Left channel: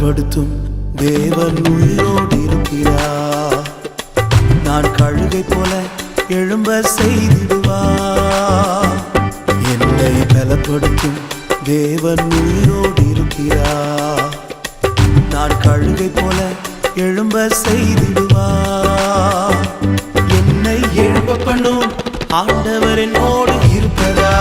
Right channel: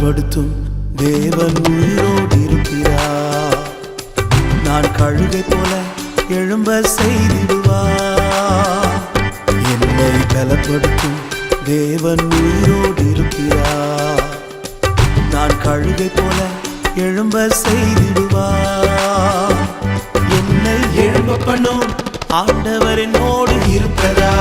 பலப்படுத்தும் தேவன் உயிரோடு இருக்கிறார். நான் கழுகை போல எழும்ப செய்திடுவார். என்னை பலப்படுத்தும் தேவன் உயிரோடு இருக்கிறார். நான் கழுகை போல எழும்ப செய்திடுவார். என்னை எழும்ப பண்ணும் ஆண்டவர் என்னோடு இருப்பதா